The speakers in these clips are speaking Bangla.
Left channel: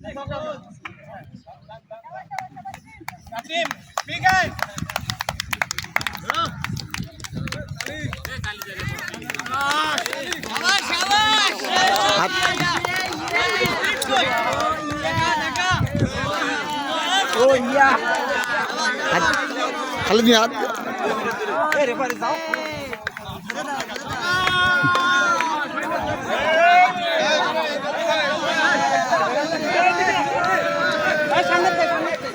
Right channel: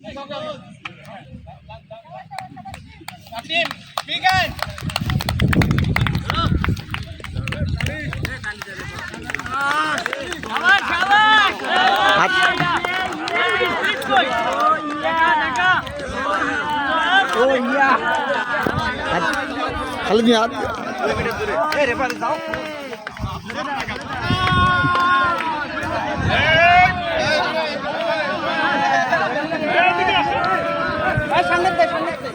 Captain, bigan. Oh iya. Kalau niat. Referee যাও। সামনে দে সামনে দে।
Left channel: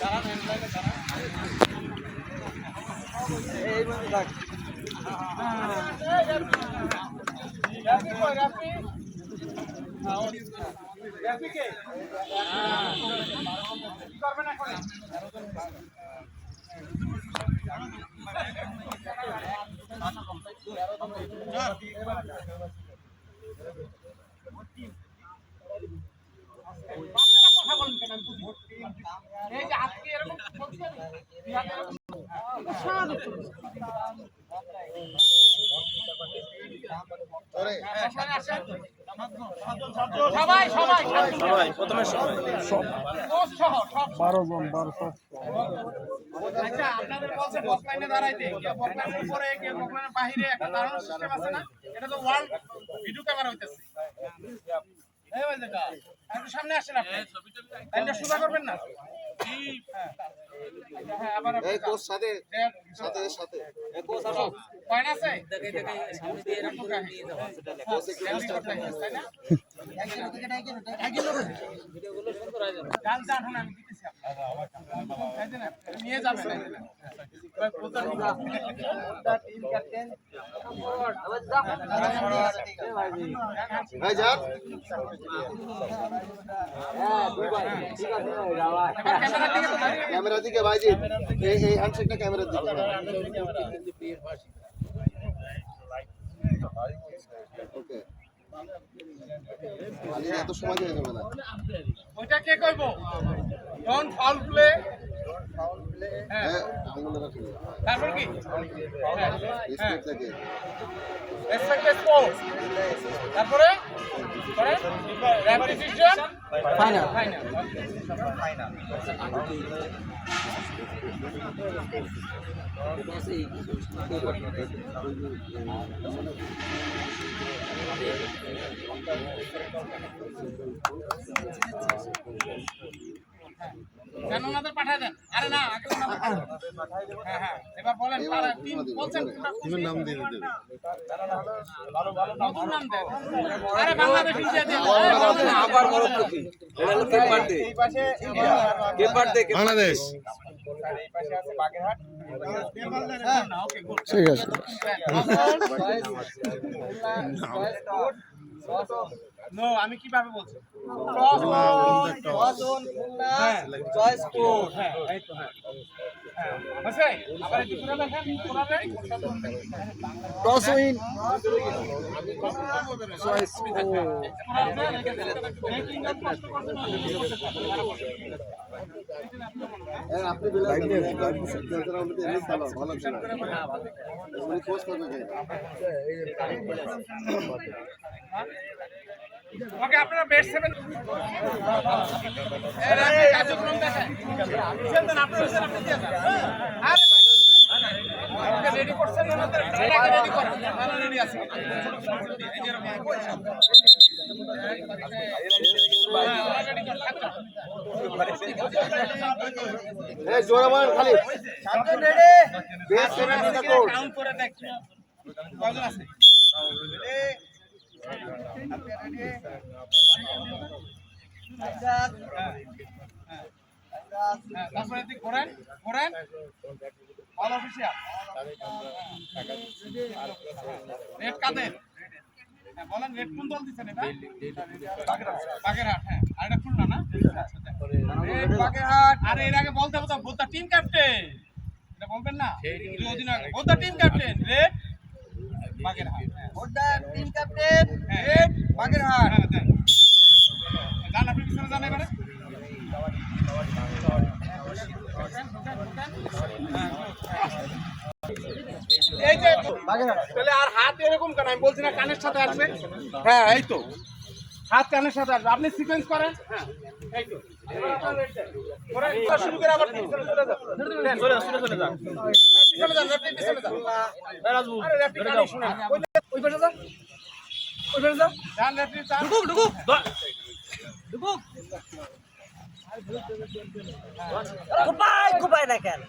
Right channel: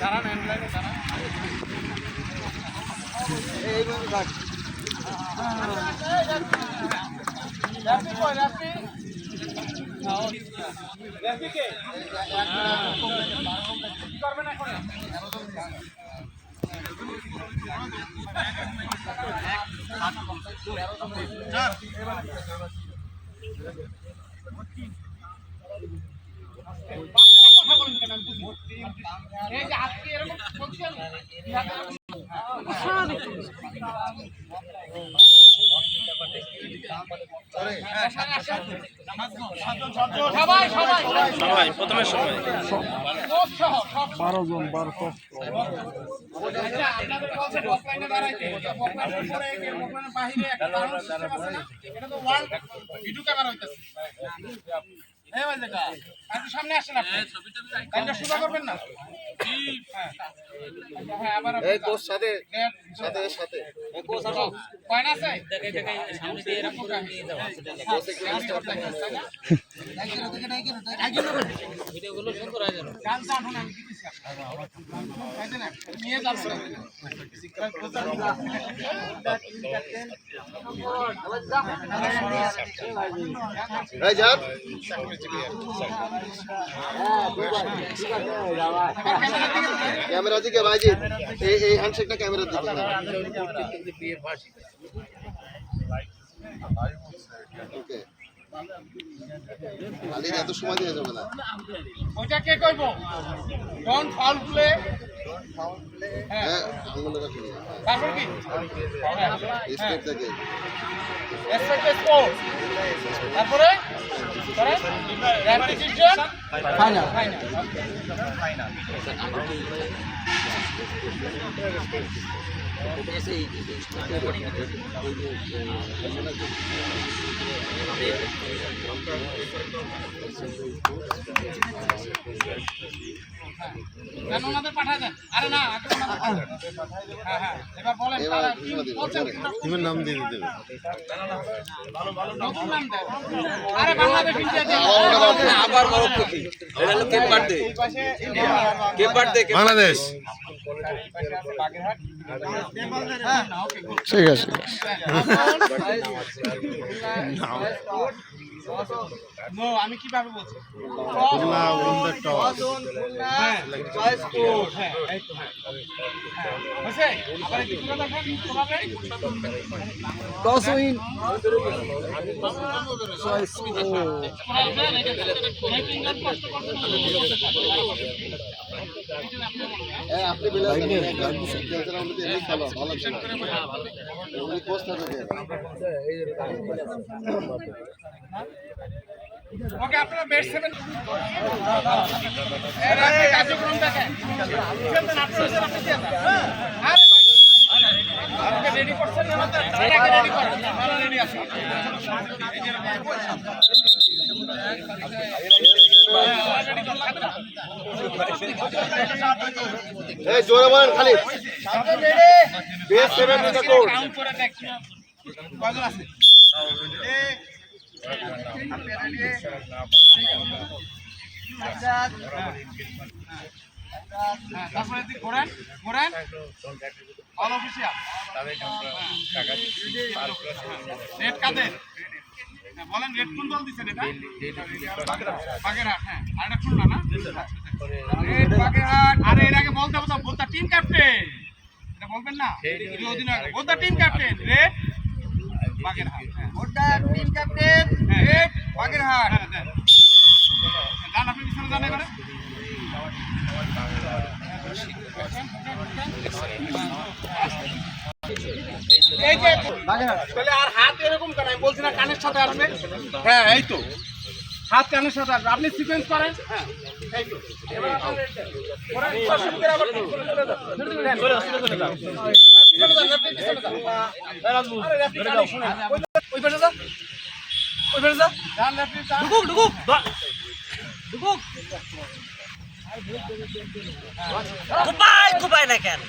দাঁড়া না লাইনে দাঁড়া। এই বন্ধু থাক। রাফি কই রাফি? রাফি কে? কি করবেন এখন? কথা বলেন কেন আমি বুঝি এই যে আজকে এরকম বলছেন সবাই সবাই সবাই প্রথমে সবাই আচ্ছা আপনাদের বলছে বক লাইনে দাঁড়াইতে বক লাইনের পরে বক লাইনের বাইরে একটা দাঁড়ানোর সিস্টেম আছে না এটা তো ওয়ার্ল্ড ভিডিও ক্যামেরা হইতাছে এই ভাই দেখা একটু সামনে আসেন আপনি লাইনটা সোজা করবেন না হ্যাঁ আবার এই কোচ সাথে সাথে সাথে এই কোচ আসো কয়না আছে দেখে দেখে সামনে দিয়ে রাখো ভিডিওগুলো সুন্দর হয়ে যাবে গান গান শুনে আমি দিতেছি তাই না নিয়ে যাবেন এই যান ক্যামেরা দিকে ভাইজি এই হ্যান্ডশেকটা ক্যামেরা দিকে ওকে আরে এত সময় দিতে যাবে না ওইটা কে কইবো ডন ফাউল প্লে হ্যাঁ আঙ্গুলে রাখুন তারপর কি স্টেপ থেকে রেসপেক্ট স্পোর্ট তারপরে করে রেপিটিশন ফাইনাল ফাইনাল কেন ওনাদের পাঠায় দেন আরে না আগে ওনাদের পাঠায় দেন হ্যাঁ হ্যাঁ এবার বলেন তারা কি বলছেন তুমি নাম দিয়ে দিতে নতুন নাম দেন আরে বাংলাদেশ ইন্ডিয়া দেন আবার মরক্কো কি এটা হলো কেপ বার্থডে এই পাশে ইন্ডিয়া কেপ বার্থডে বাংলাদেশ এই পাশে আছে বাগেরহাট হ্যাঁ ওকে গুড ঠিক আছে নো আমি কিভাবে বলছি হ্যাঁ এই তো হ্যাঁ হয়েছে আবার একটু ঘুরে দেখেন ঘোরাবেন ওকে আপনারা বেস্ট সেভেন এর আগে কার্যক্রম দেখেন খেলতেন আপনারা আপনি দিয়ে দেন আরে ভাই রেডি করছেন এটাকে রেডি করেন আমরা রেডি আছি এই জোরে বলেন খালি সামনে রেডি বেস্ট সেভেন কাউন্ট করে দেখ কয়জন আছে তারপরে ঘোরেন ঘোরেন অল অফিসিয়াল রেড কাদের বলেন রেড কোন দল দিচ্ছেন এটা বাগেরহাট হ্যাঁ আর এটা খুলনা না রেড বাগেরহাট আরে এর আগে বলতে হবে তো বোধা টিম ক্যাপ্টেন এটা বলবেন না অধিনায়ক বোধা টিম ক্যাপ্টেন রেড বাগেরহাট বোধা টিম ক্যাপ্টেন রেড বাগেরহাট জান আপনি পিছনে জান এবারে এই যে তাহলে আর হাত এরকম কেন আমি বলছি না কানের সাথে আসবে হ্যাঁ এই তো হাত কানের সাথে আসবে আপনি সিকোয়েন্স করেন হ্যাঁ এই তো এবার আপনার রেড দেন ওরা শুরু করে আবার পিছনে চলে যান চলে যান পিছনে যান রেফারি পিছনে যান আরে রেফারি কানে শুনেন ওই পাশে যান ওই পাশে যান যান রেফারি যান ঢুকুক কুপায় না কেন